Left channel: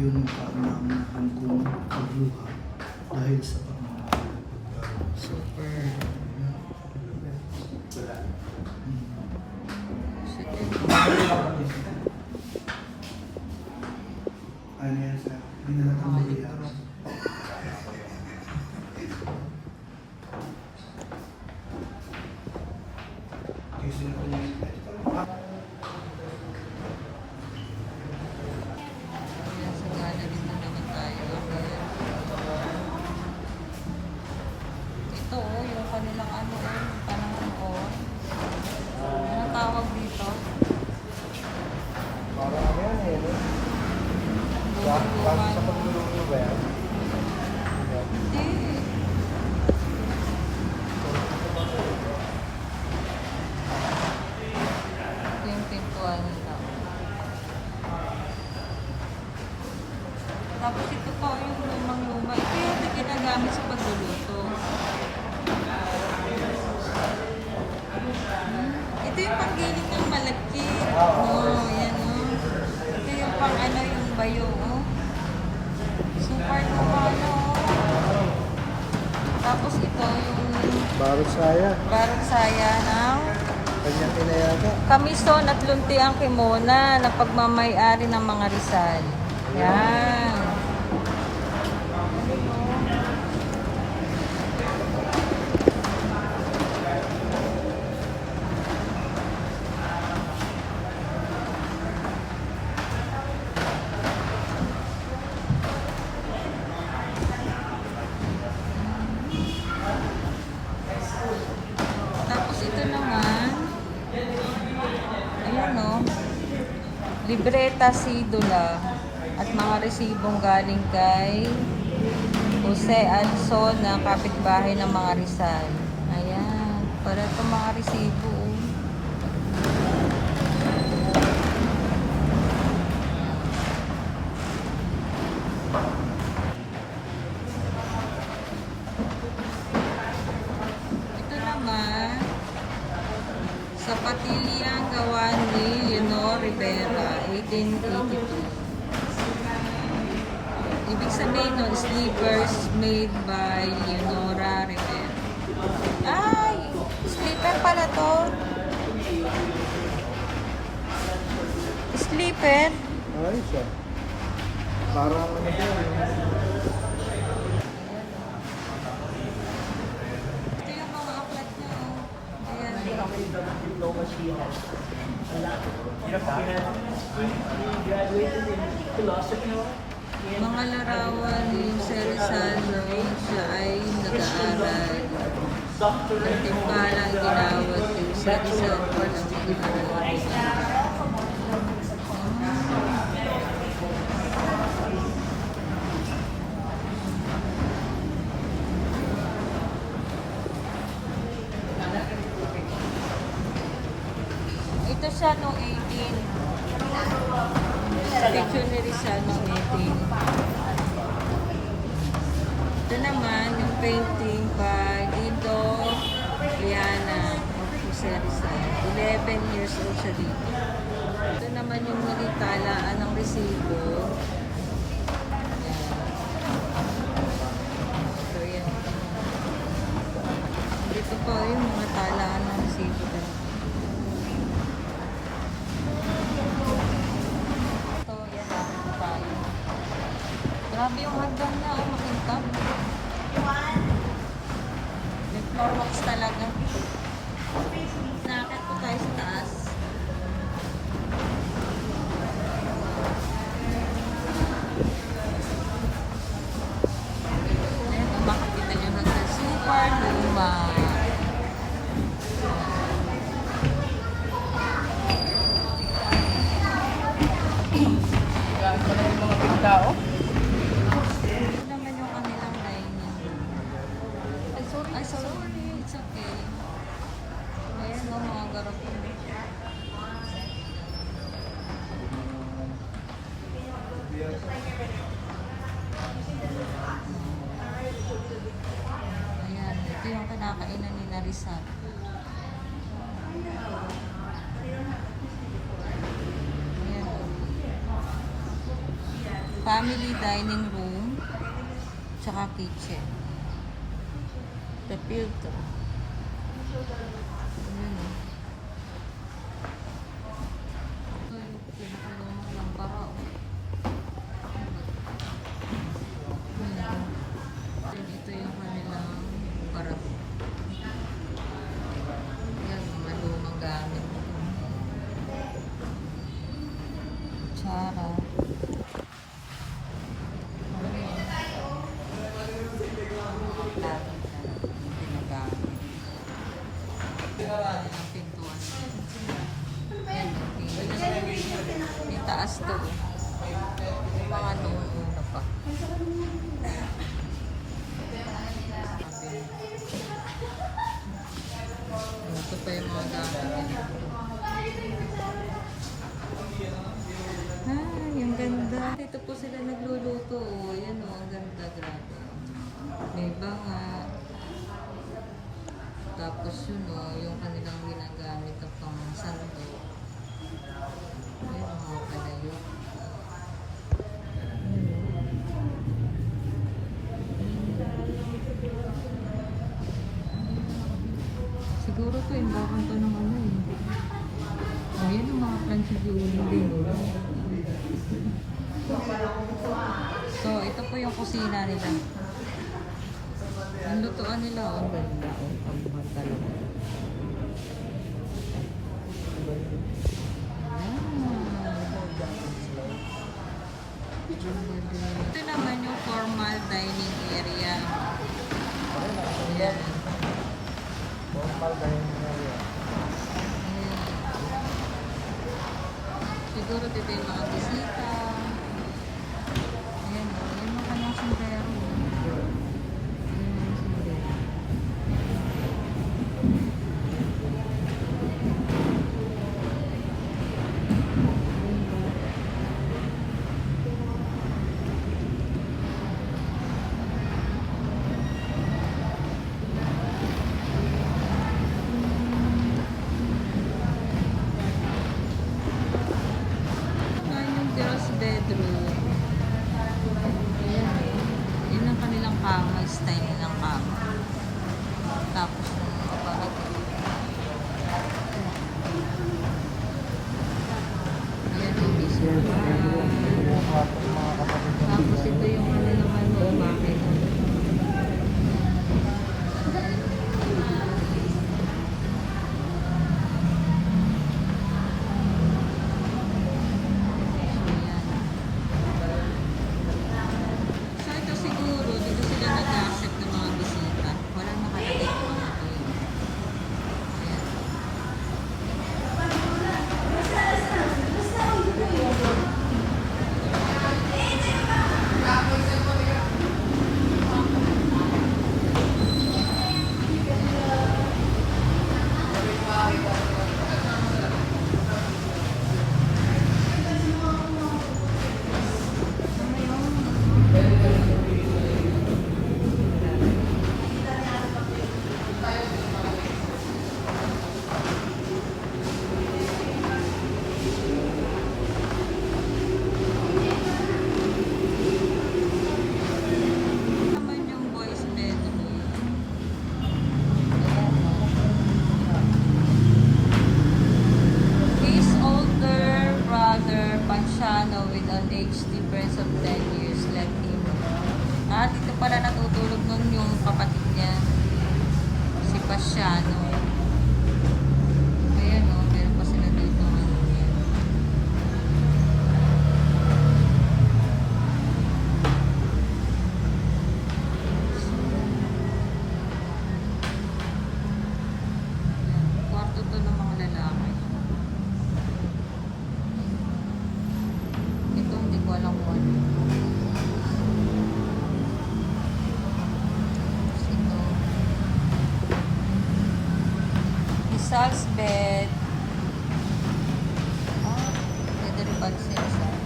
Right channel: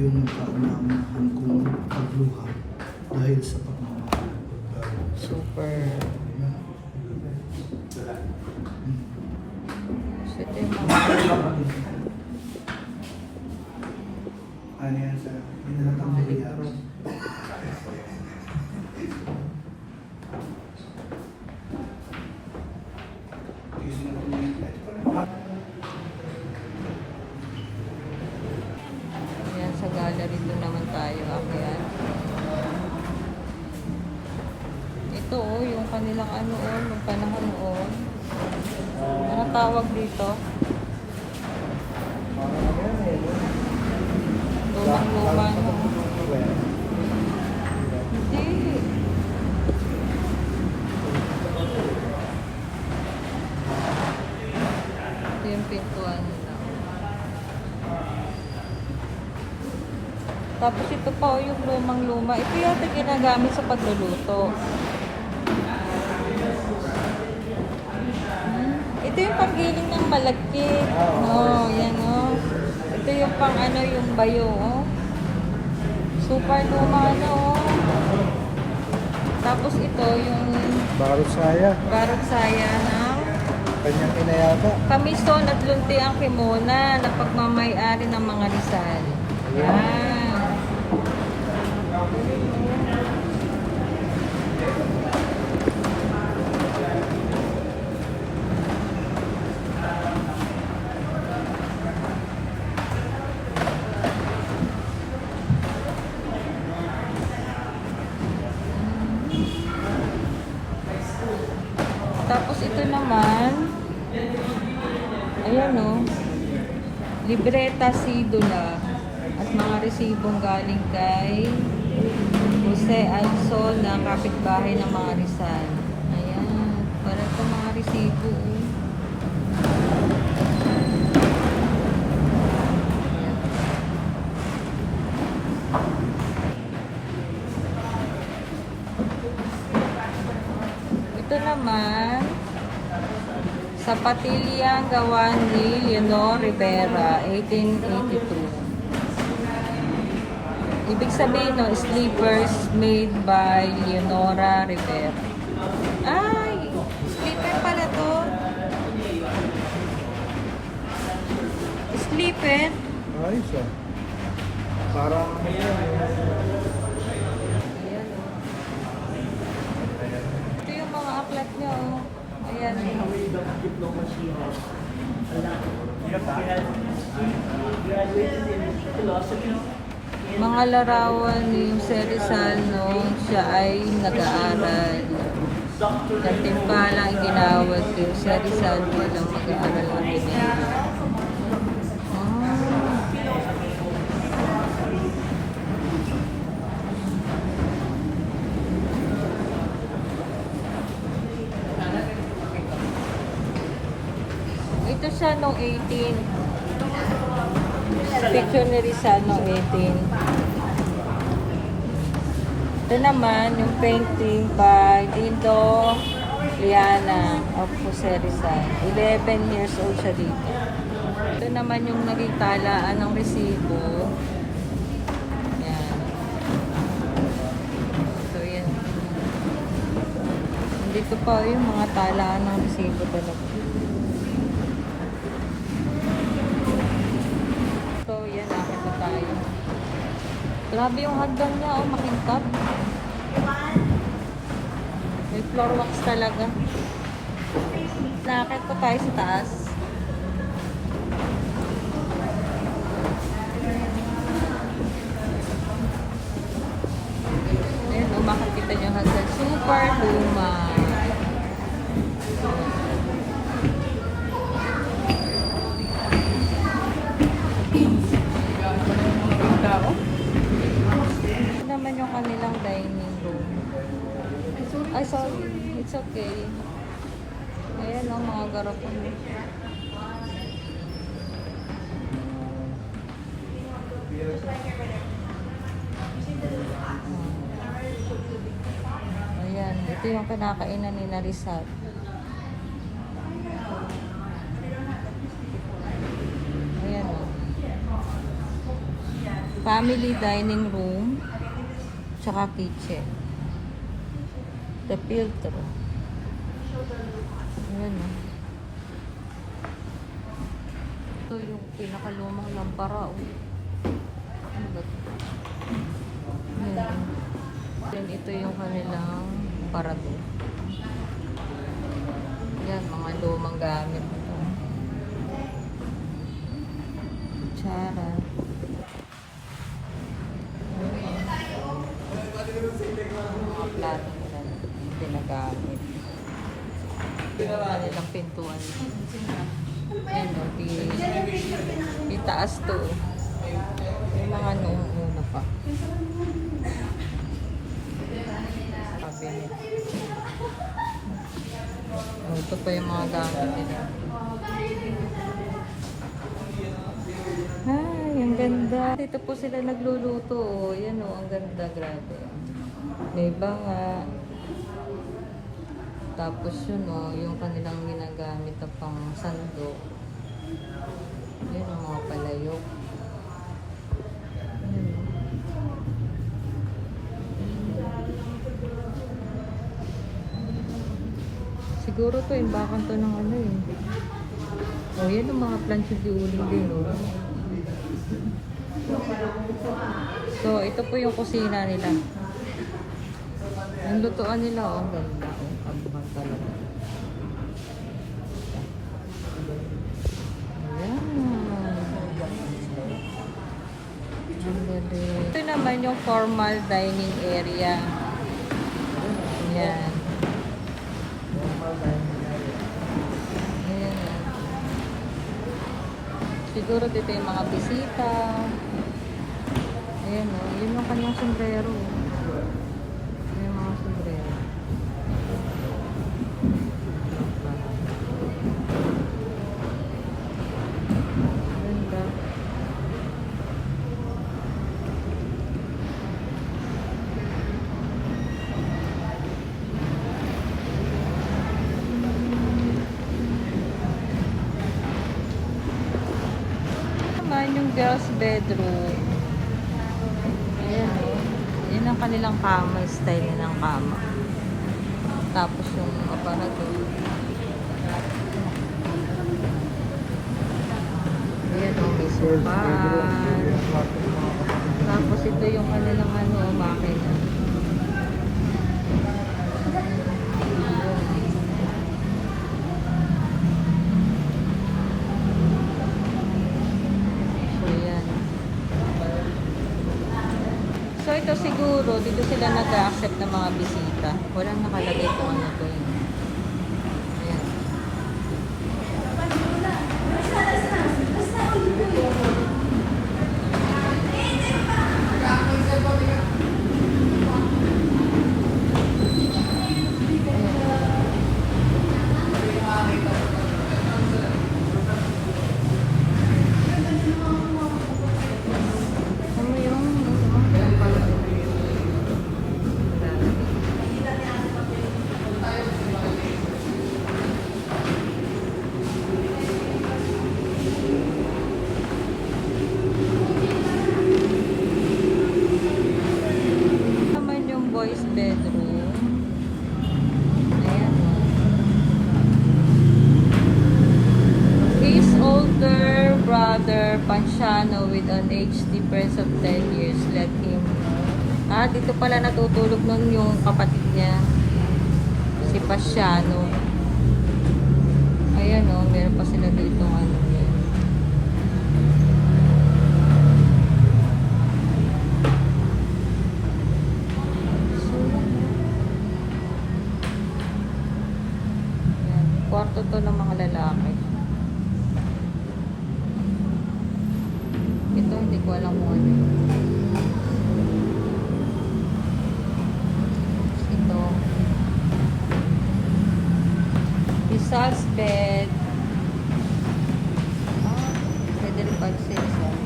yun ang paanaman kong pagluha dahil sa pagmamahal. Super. So, Doon naman tayo. Akyat. Ito oh, yung kanilang ano oh, nung panahon oh. Ano tawag dito? Lumang-luma no. Hindi. Ito yung pintuan nila. Tapos ito pa oh, yung lumang-luma. Ito yata ginagamit sa pagluluto. Hmm, Ito yung panggiling ng malagkit. Oh, yan oh. Ito yung pang ano, yung bayo oh. Super luma no. oh. Tapos ito yung Bawat saya, barot saya na yata. Kamison at lunti ang kimona na pagmamayari ng mga Rizal. Yan. Tapos ito naman, ayan no, libreta sidula at mga resibong galing kay Jose Alson ng kapitbahay ng mga Rizal. Ayan, para ito mga resibo. oh. Ito naman, sa Patilyang gawa ni Leonor Rivera, 1882. Ibig sabihin no, sleepers made by Leonora Rivera. Ay, sleeper pala to. Parang Ito yung mga aklat niya, oh. Ayan. Mga larawan ni Sir Rizal nung siya ay nag-aaral. Nagtimpala ang ginawad din sa Rizal nung nag-aaral ang. Ah. Ito Rizal noong 18. Picture ni Rizal noong 18. Ito naman, yung painting by Dindo Liana of Jose Rizal. 11 years old siya dito. Ito naman yung naritalaan ng resibo. Dito pa yung mga talaan ng resibo talaga. Grabe yung hagdan niya, oh, makintab. May floor wax talaga. Nakakit pa tayo sa taas. Ayan, makakita niyo yung hagdan. Super luma. Mga garap. Ayan, ito yung kinakainan ni Narisat. Ayan o. Family dining room, tsaka kitchen. The filtro. Ayan. Ito yung pinakalumang lampara. Oh. Ano ba ito? Ayan. Then ito yung kanilang parato. Ayan, mga lumang gamit. Kutsara. Ayan. Mga plato nila ginagamit. Yung kanilang pintuan. Ayan, no, di, di taas to. Yung mga noong una pa. Cabinet. Oh, Ito pa yung mga gamit nila. Ay, ang ganda. Dito po sila nagluluto. Oh. Yan oh, ang ganda. Grabe. May banga. Tapos yun oh, yung kanilang ginagamit na pang sando. Yan ang mga palayok. Siguro to, imbakan to ng ano eh. Oh, yan ang mga plancha di uling din. So, ito po yung kusina nila. Yung lutuan nila, oh, ang ganda. Ang mahal naman yung formal dining area. Ayan. Ayan. Siguro dito yung mga bisita. Ayan o, yun yung kanyang sombrero. Ayan yung mga sombrero. Ganda. Naman yung girls bedroom. Ayan. Yun ang kanilang kama, style nilang kama. Tapos yung aparador. Ayan o, may sofa. Tapos ito yung kanilang ano, umakin. So, yan. So, ito siguro, dito sila nag-accept ng mga bisita. Walang nakalagay kung ano Romano with an age difference of 10 years. Let him... Ah, dito pala natutulog nun yung kapatid niya. Si Pasiano. Ayan o, oh, meron pa sila dito. Ano. Kung ano yun. Ito. Rizal's bed. Ah, pwede rin pag sa Rizal.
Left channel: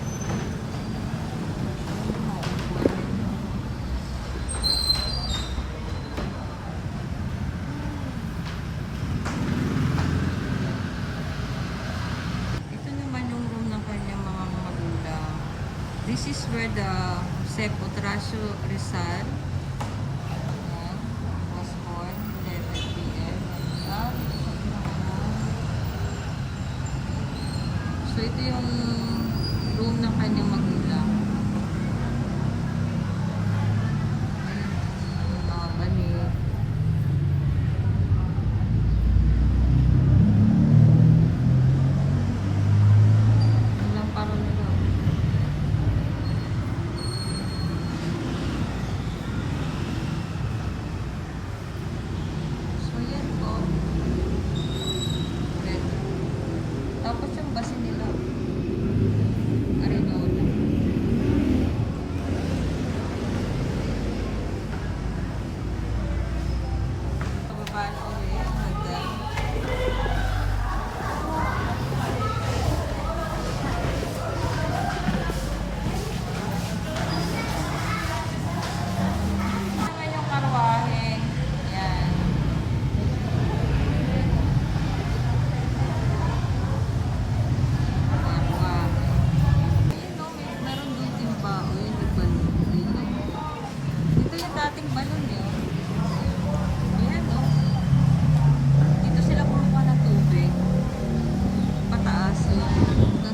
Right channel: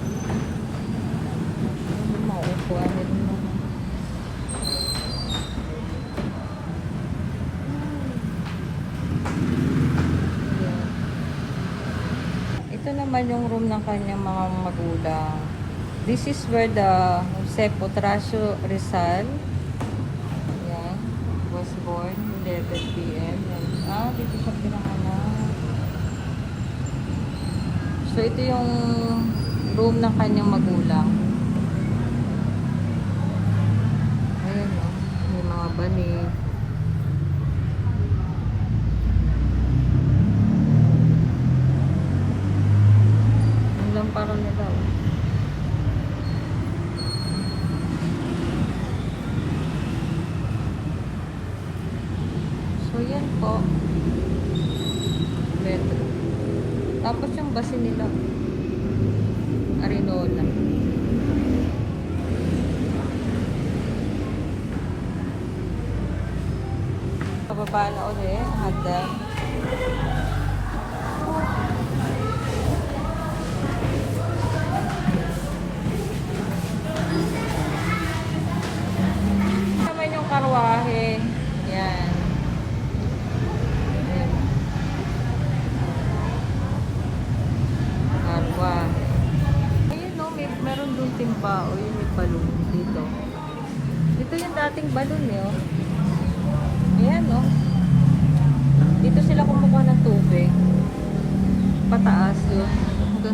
Ano naman yung room ng kanyang mga magulang. This is where the Jose Potracio Rizal Yan. Was born 11 p.m. And, ah, dito siya pinanganak. So, ito yung room ng kanyang magulang. Ayan o. May mga banig.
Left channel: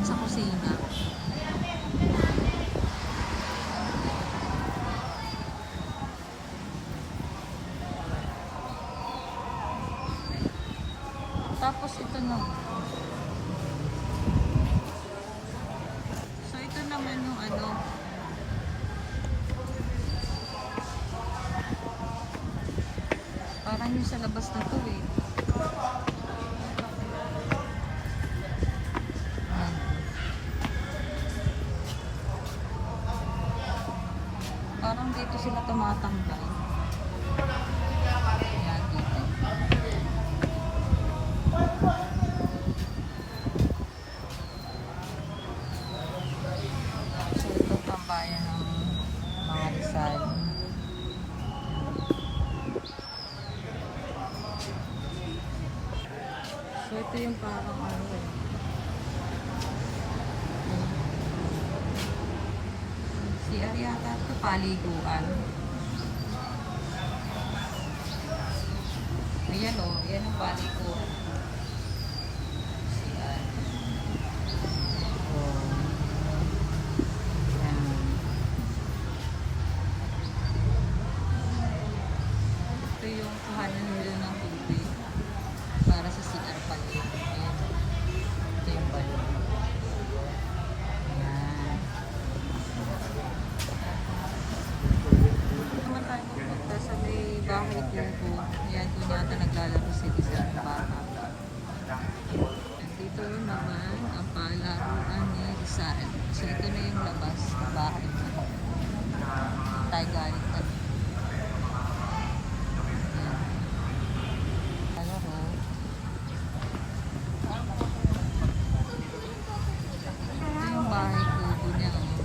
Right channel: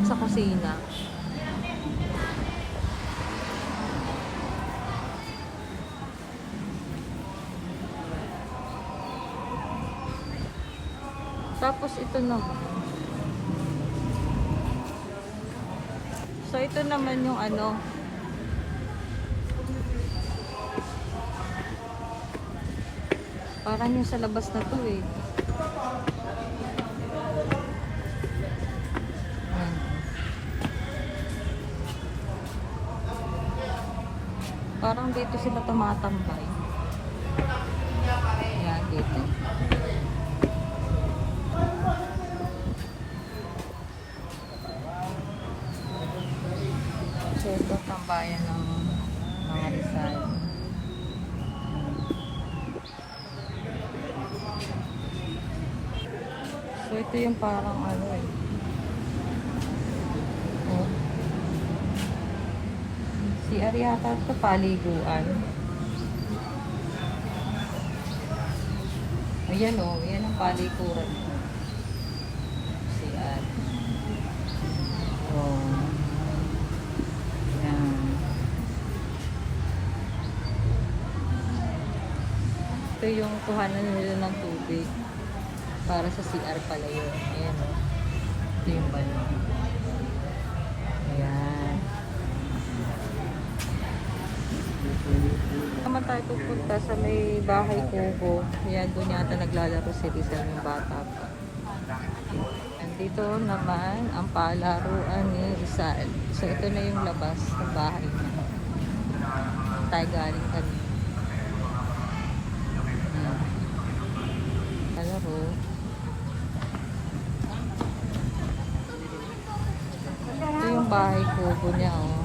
Hanggang sa kusina. Tapos ito naman. So ito naman yung ano. Parang yung sa labas na to eh. Parang dito sila tumatambay. Si Ariata ito paliguan. Ayan o, oh, yan ang palikuran. Si An. Oh. Yan. Ito yung kuhanan nila ng tubig. Para sa CR pala yun. Ayan o. Ito yung balon. Ayan. Naman tayo pupunta sa may bahay kubo. Ayan, doon yata naglalaro si Rizal yung bata pa. Nandito naman ang palaruan ni Rizal. So ito na yung labas ng bahay niya. Ang tayo galing kami. Palaro. Ito yung bahay kubo niya, oh.